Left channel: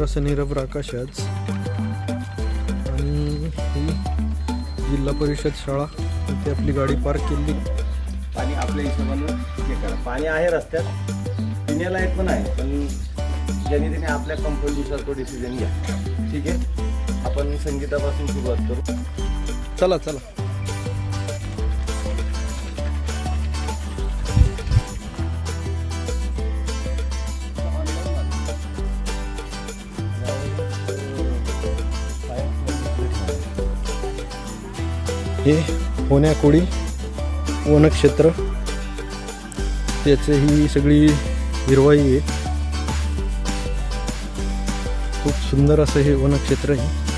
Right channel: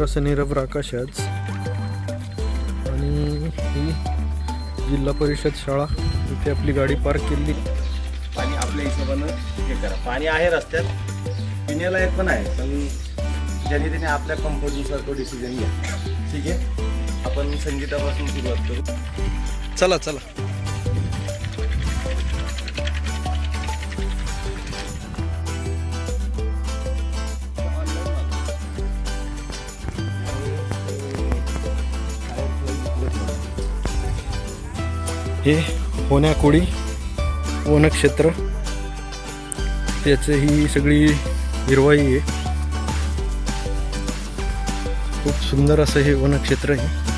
तर असं निरभ्र आकाश आज. आणि ही जिल्हा परिषद शाळा इथे आपली गाडी पार्क केली. पाणी आपल्या हिशोबानं हे करा. पाणी आहे रस्त्यात पिण्यालायक पण आहे पण ज्यांनी त्याने आपल्या कम्फर्टनुसार तो डिसिजन घ्या. ठीक आहे? आपण संगीतापासून सुरुवात करू. चला चला. हे होण्याकोळी वनक्षेत्र. त्याचं ही सगळी हिरवाई आहे. खूप सुंदर असं हे वनक्षेत्र आहे.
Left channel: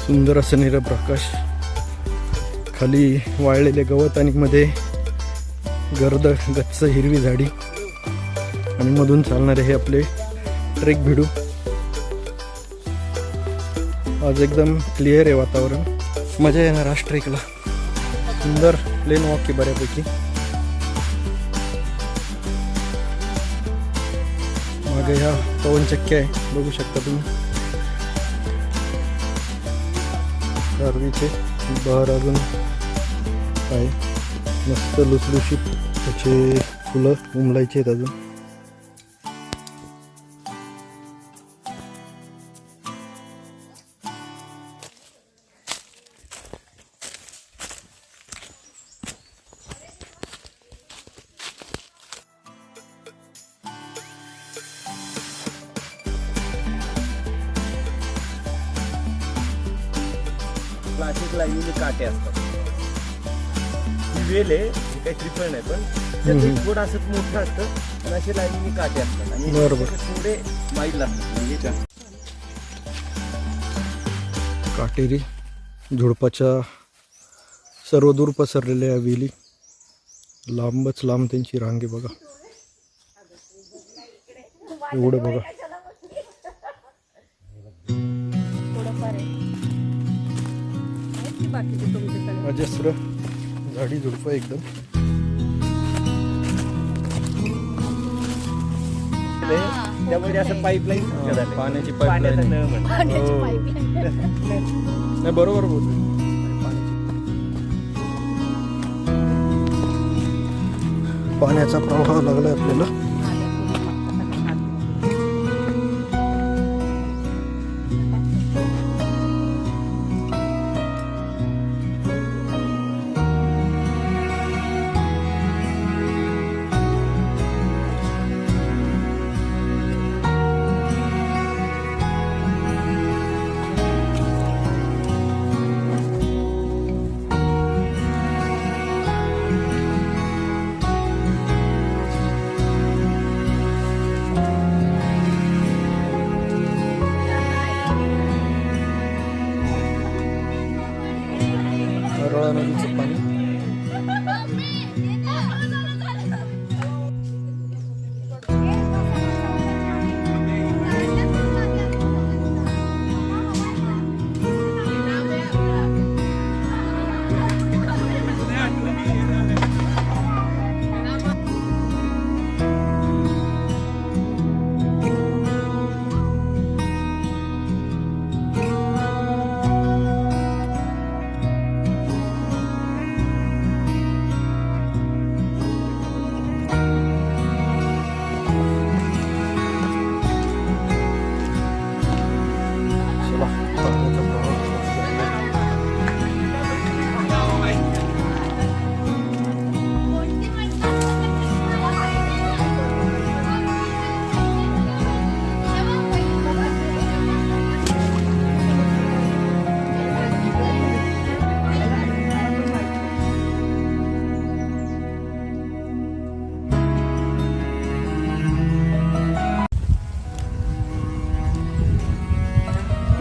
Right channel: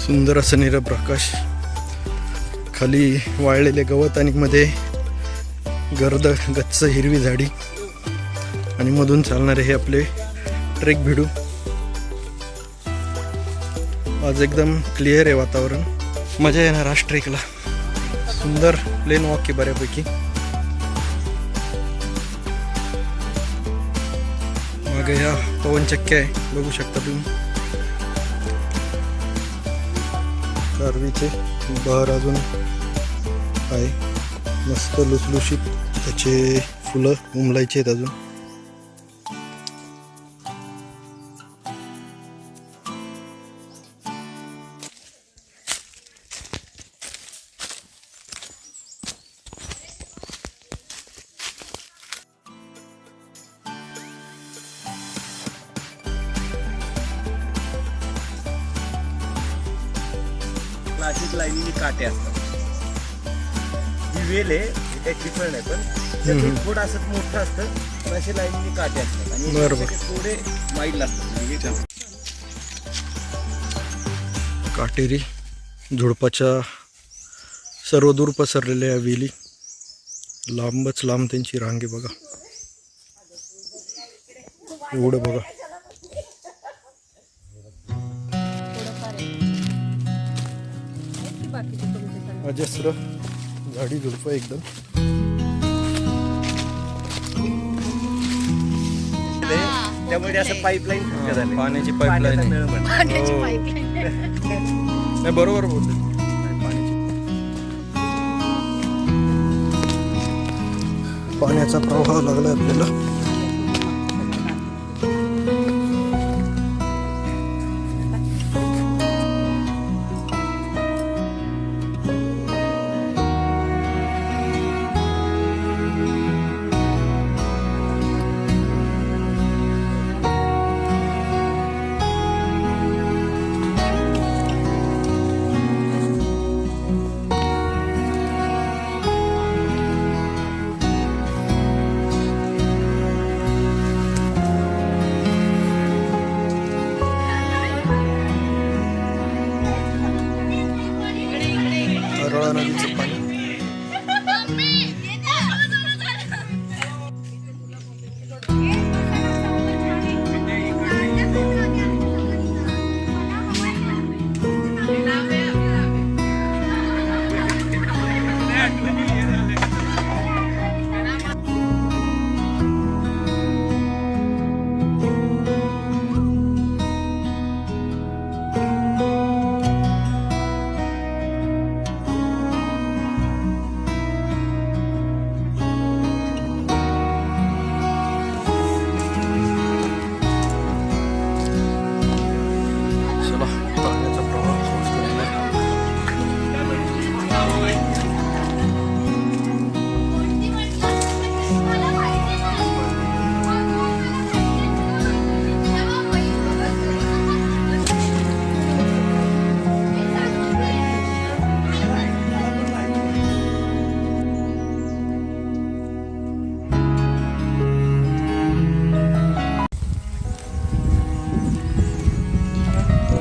सुंदर असं निरप्रकाश खाली वाळलेले गवत आणि मध्ये गर्द गच्च हिरवी झाडी आणि मधून चालणारे हे आपले ट्रेक भिडू. आज एकदम क्लिअर आहे वातावरण. मजा येणार आज ट्रेकला. सुंदर प्लेन वॉक आहे बऱ्यापैकी. मागे ह्या पवनचक्क्या आहे बघू शकता तुम्ही. कारवीचे बहर अजून आहे. मस्त लुसलुशीत त्याचे फुलं उमलायचे आहेत अजून असंच मोठं असतं पण असे लाईनीने काटे असतात. आणि बरोबर. थोडे माईल असतात म्हणजे काटेरी झुडपाच्या सर्वदूर पसरलेल्या या वेली लांबच लांब त्यांची रांग बघा. एवढं बघा. अजस्र झाडी झुडपं एकदम. ते- त्यामुळे ते असं पाईपलाईन झालं पाण्याची pipeline आहे. पाण्याची हो. पाईपलाईन नाही बरोबर बोलते पाण्याचा प्रवाह लागलाय आपल्याला. rodzice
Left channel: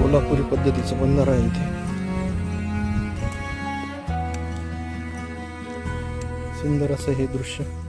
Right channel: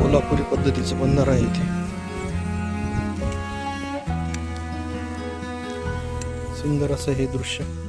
कोल्हापुरी पद्धतीचं बनणार आहे इथे. सुंदर असं हे दृश्य.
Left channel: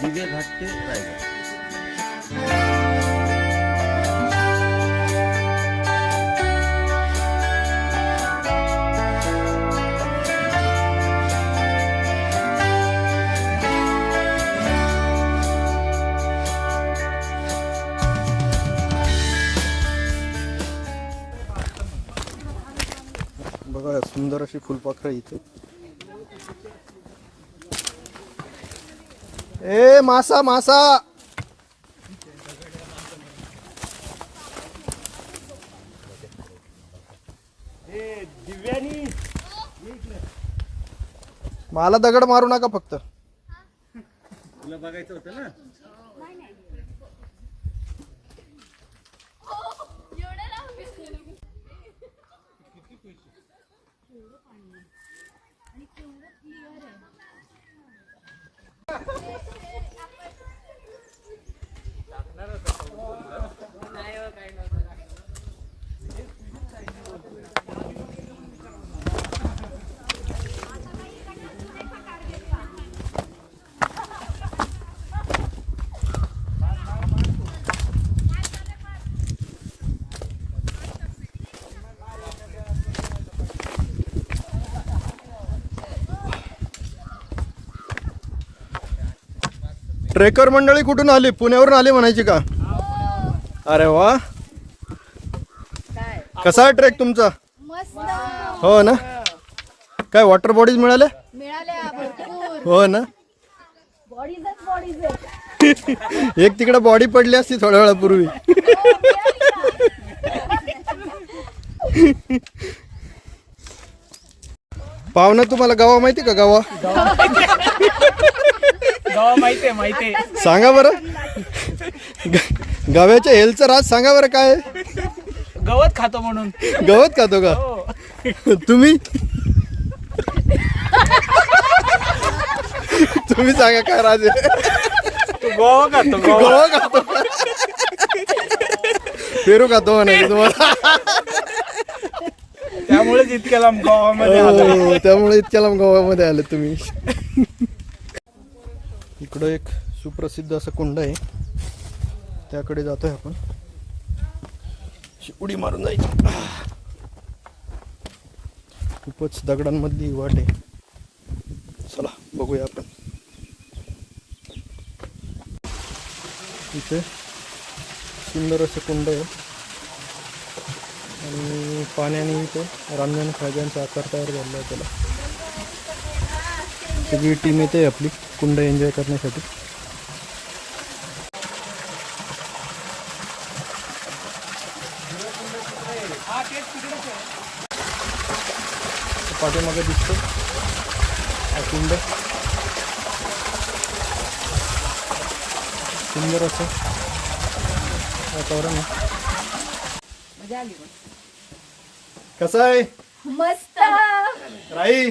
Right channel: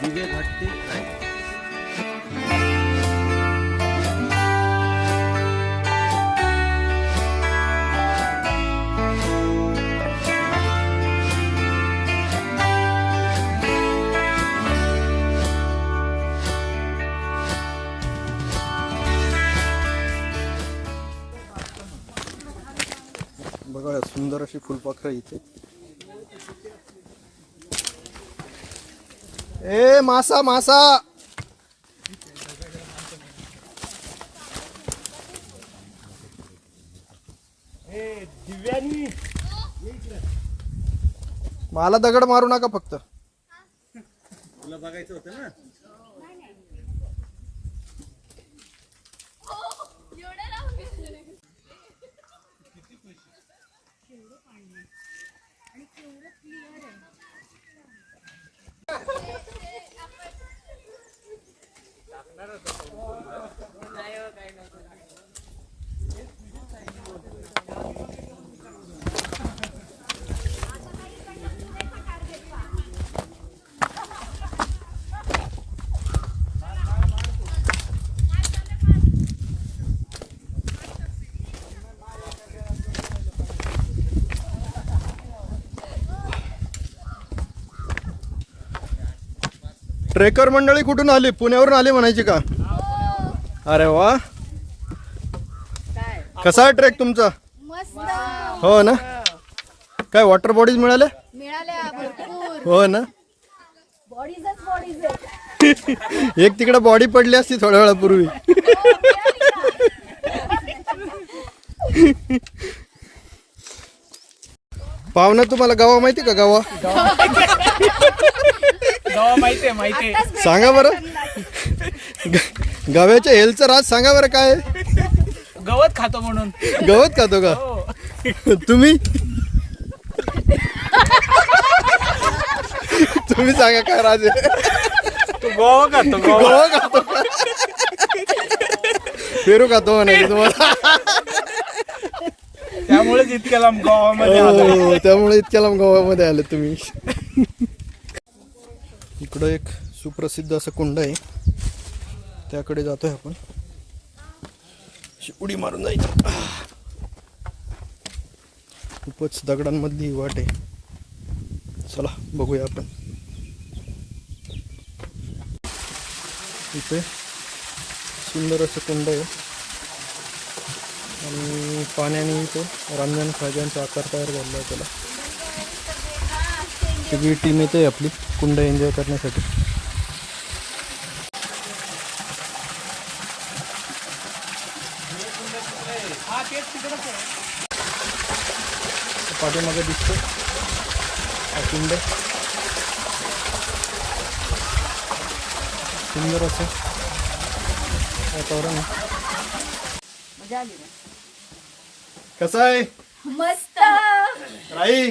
दिवे घाट ते बघा सुंदर अशी फुलपाखरं इथे. ए मासा मासा. दिव्यानी. मला दगड मारू नका फक्त. तुला बघायचं होतं ना? ट्रेकर मंडळी कुठून आली? पुण्यावरून आली म्हणायची का? अरे वा. कसा आहे ट्रेक तुमचा? हो ना? काय वॉटर बॉडीज मिळाल्या हो ना? एक तिकडे बॉडी पडली असती थोड्या वेळापूर्वी. पाहुणा तुम्हाला गावा माहिती का गावा? माहितीये माहितीये सांगा बरं. ग- गव्याच्या हेल्थचं राज सांगा बरं काय आहे? गवत खातो म्हणून. गवत खातो का? हो. तुम्ही? तुम्ही सांगा काय राज आहे? तू गोवा खातो गोवा. गवा खातो. का पेरू खातो म्हणायचं तुम्हाला. त्यामुळेच इतक्या लांब गोवामध्ये आलोय. हो, त्यामुळे इतक्या लांब गावामध्ये आले तुम्ही. इकडं एक सुप्रसिद्ध असं कुंड आहे. त्याकडे जातोय आपण. उडी मारून जायचं. खूपच दगडांमधली वाट आहे. चला बघूया आपण. इथे सुंदर असं कुंड आहे. आणि पाण्याने इथे रांजण खाजांचा आकार तयार झालेला आहे त्याला. सगळी टीम येते आपली. कुंड एन्जॉय करण्यासाठी. पाठीमागे दिसतो. हा कुंड. सुंदर असं वातावरण कसं आहे? मस्त. राई?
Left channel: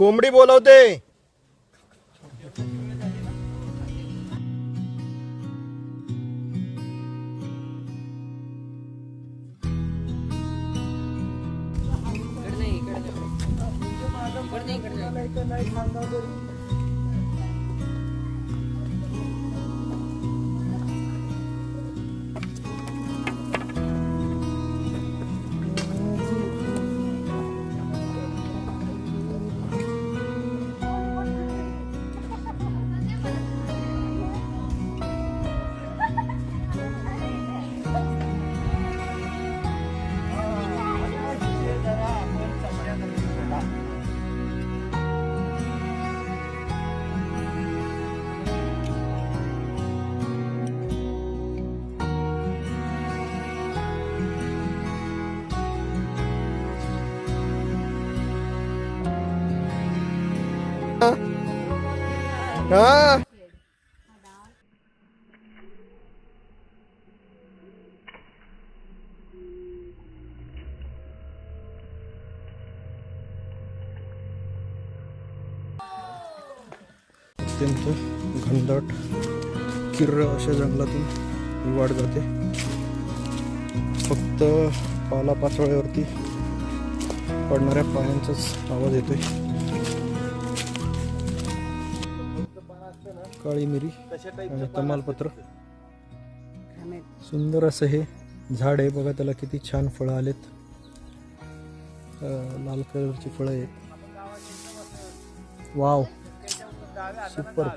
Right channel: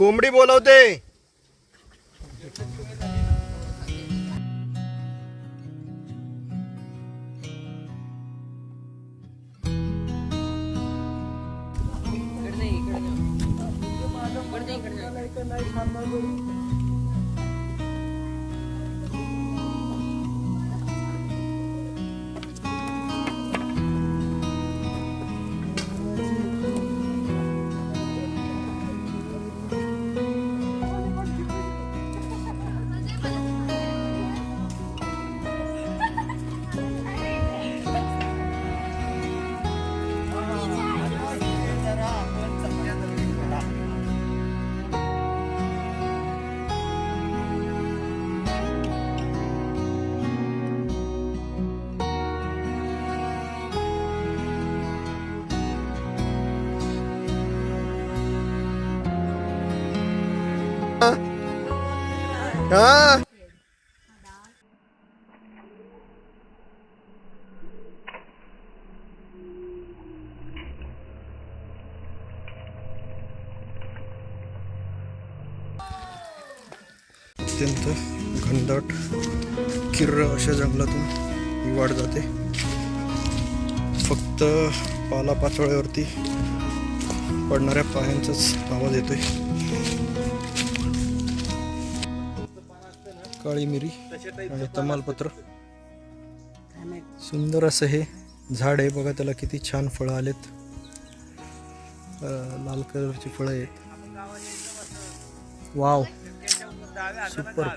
कोंबडी बोलवते. हा. अत्यंत घनदाट किर्र अशा जंगलातून ही जाते. फक्त पालापाचोळ्यावरती पडणाऱ्या पायांचाच आवाज येतोय. काळी मिरी आणि तमालपत्र. सुंदर असं हे झाड आहे. बघा त्याला किती छान फळं आलेत. लाल कलरची फळं आहेत. वाव. सुपर.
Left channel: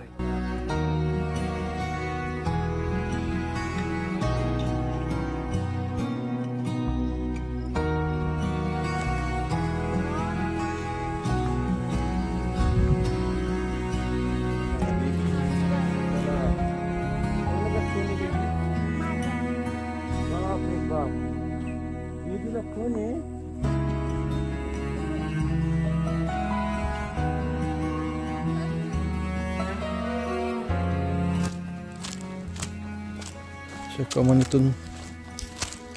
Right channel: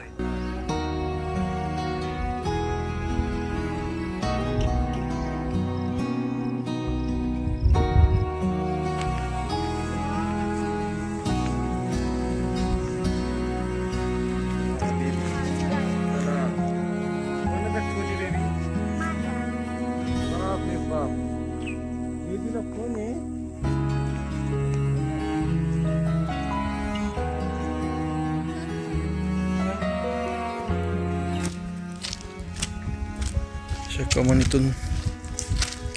अशा कमानीतून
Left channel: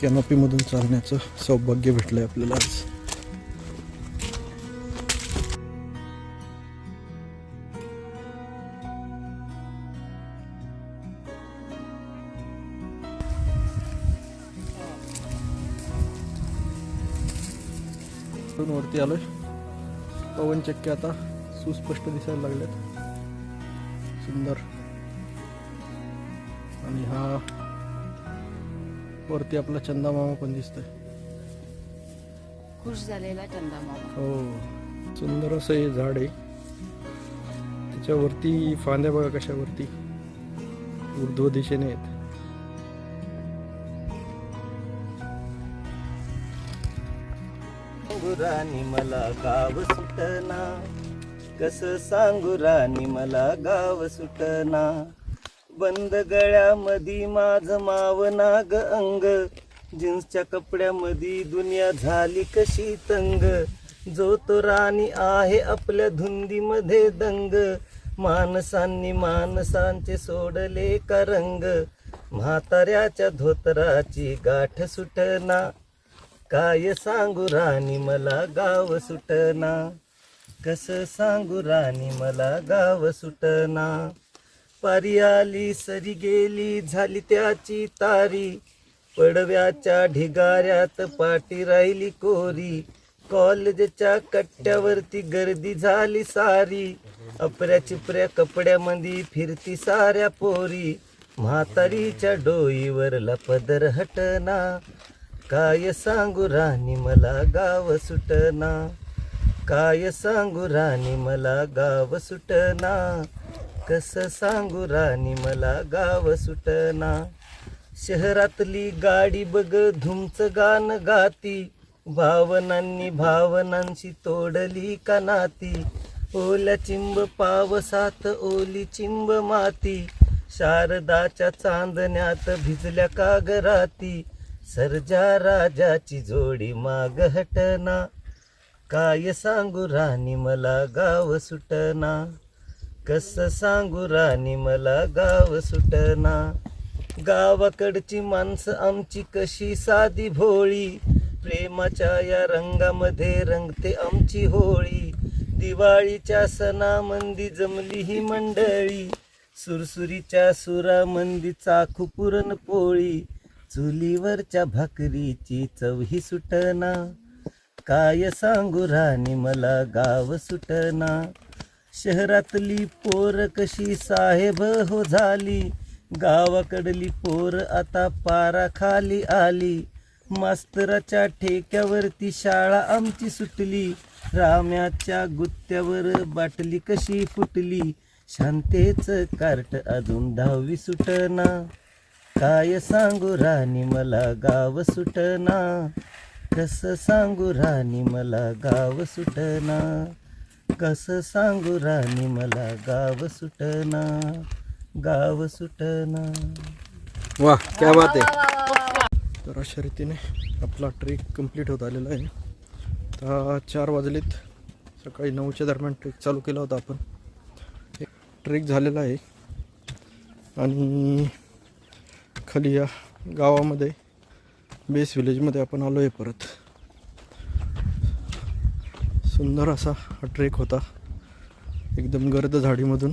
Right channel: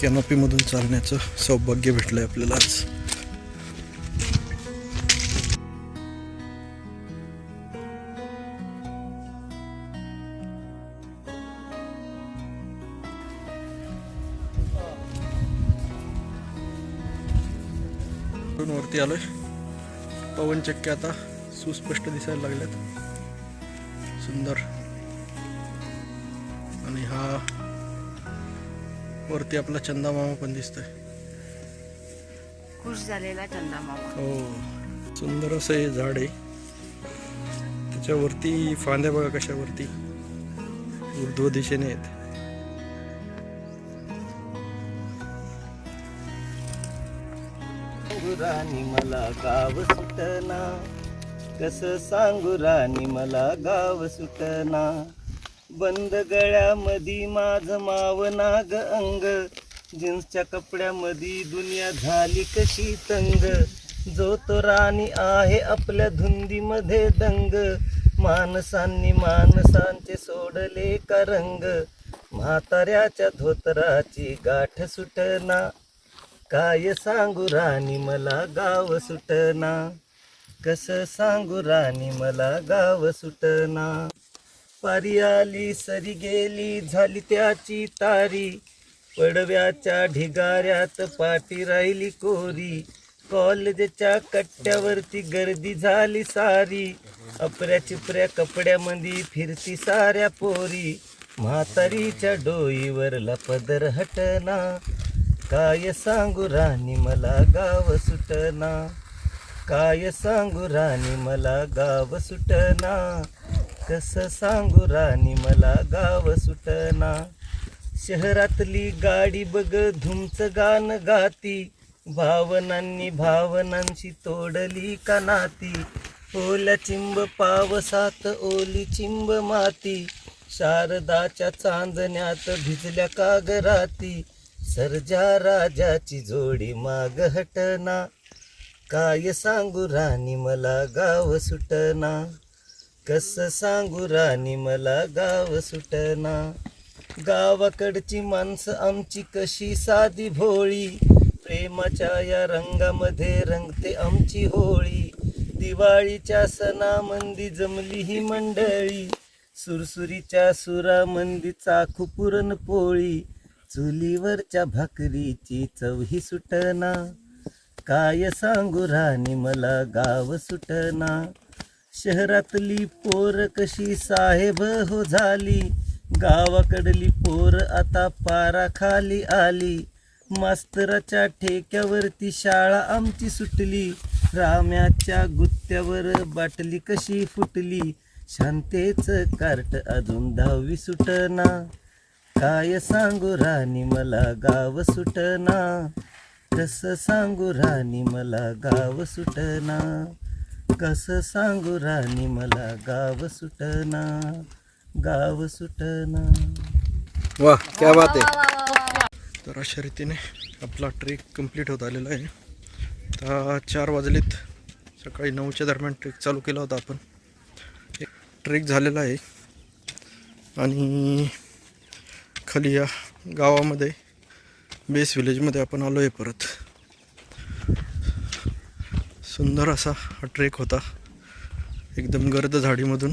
कॅनॉपीमधून चालण्याचं सौभाग्य भेटलं आहे आपल्याला आज. वरती आलोय. पवनचक्क्या आता सुस्पष्ट दिसायला लागल्यात सुंदर. आणि हा वरती आपला चंदा मामा पण दिसतोय. खुश झालेला चंदा मामा. हो. सुंदर असं हे झाड आहे. त्याच्यावरती फांद्या बघा कशावरती. ऊर्ध्व दिशेने आहेत. राणी मला गाव सुटना. कस सांगू राणी मला गाव सुटना. बंद गळ्यामध्ये माझ माव नाग अंग. जीन्सच्या कपड्यामध्ये दुनिया झाली कशी तंग. जो तो राणी आहे आपल्या धुंदीमध्ये दंग. माणसांनी माणसांचे सोडले का रंग. म्हाताऱ्याच्या धोतराची गाठ सुटना. काय सांगू राणी मला गाव सुटना. कसं सांगू राणी मला गाव सुटना. पारी आली सरी गेली झाली त्याची तारी. पडव्याच्या ढिगाऱ्यात पाठी राहिली कोरी. कॉलेजच्या कट्ट्यावरती गर्दी झाली सारी. अपऱ्या चिपऱ्या कपड्यामध्ये फिरती साऱ्या पोरी. म्हातारीच्या डोईवरला पदर हटना. काय सांगू राणी मला गाव सुटना. काय सांगू राणी मला गाव सुटना. कस सांगू राणी मला गाव सुटना. शहरातली गाडी बघ धुमच गाण गाती. भावनांनी भावनांशी तोडली का नाती. ओल्या चिंब पावसात ओली चिंब माती. शारदाच्या चांदण्यात भिजल्या कागराती सर्जा राजाची जोडी माग हटना. काय सांगू राणी मला गाव सुटना. कस सांगू राणी मला गाव सुटना. गावाकडची माणसं आमची कशी साधी भोळी. प्रेमाच्या या रंगामध्ये रंगते आमची होळी. दिवाळीच्या सणामंदी जमली ही मंडळी. सुरसुरीच्या सुरामंदी चाखू पुरण पोळी. चुलीवरच्या भाकरीची चवही सुटना. काय सांगू राणी मला गाव सुटना. शहरातली पोर कशी साहेब हो झाली? गावाकडली पोर आता पारा खाली आली. मास्तराच्या ठेक्यावरती शाळा आमची सुटली. राम्याच्या गुत्त्यावर बाटली कशी फुटली? शांतेच कार्ट अजून दहावी सुटना. काय सांगू राणी मला गाव सुटना. कस सांगू राणी मला गाव सुटना. कस सांगू राणी मला गाव सुटना गाव सुटना. वा क्या बात आहे. तर अशा रीतीने आपला ट्रेक कंप्लीट होत आलेला आहे. आता चार वाजलेत. सकाळी नऊच्या दरम्यान ट्रेक चालू केला होता आपण. एक ट्रेक झालेला आहे. आणि खाली या गावामध्ये बेस विलेजमध्ये आपण आलो आहे परत. सुंदर असा हा ट्रेक होता. एकदम गर्द झाडीमधून.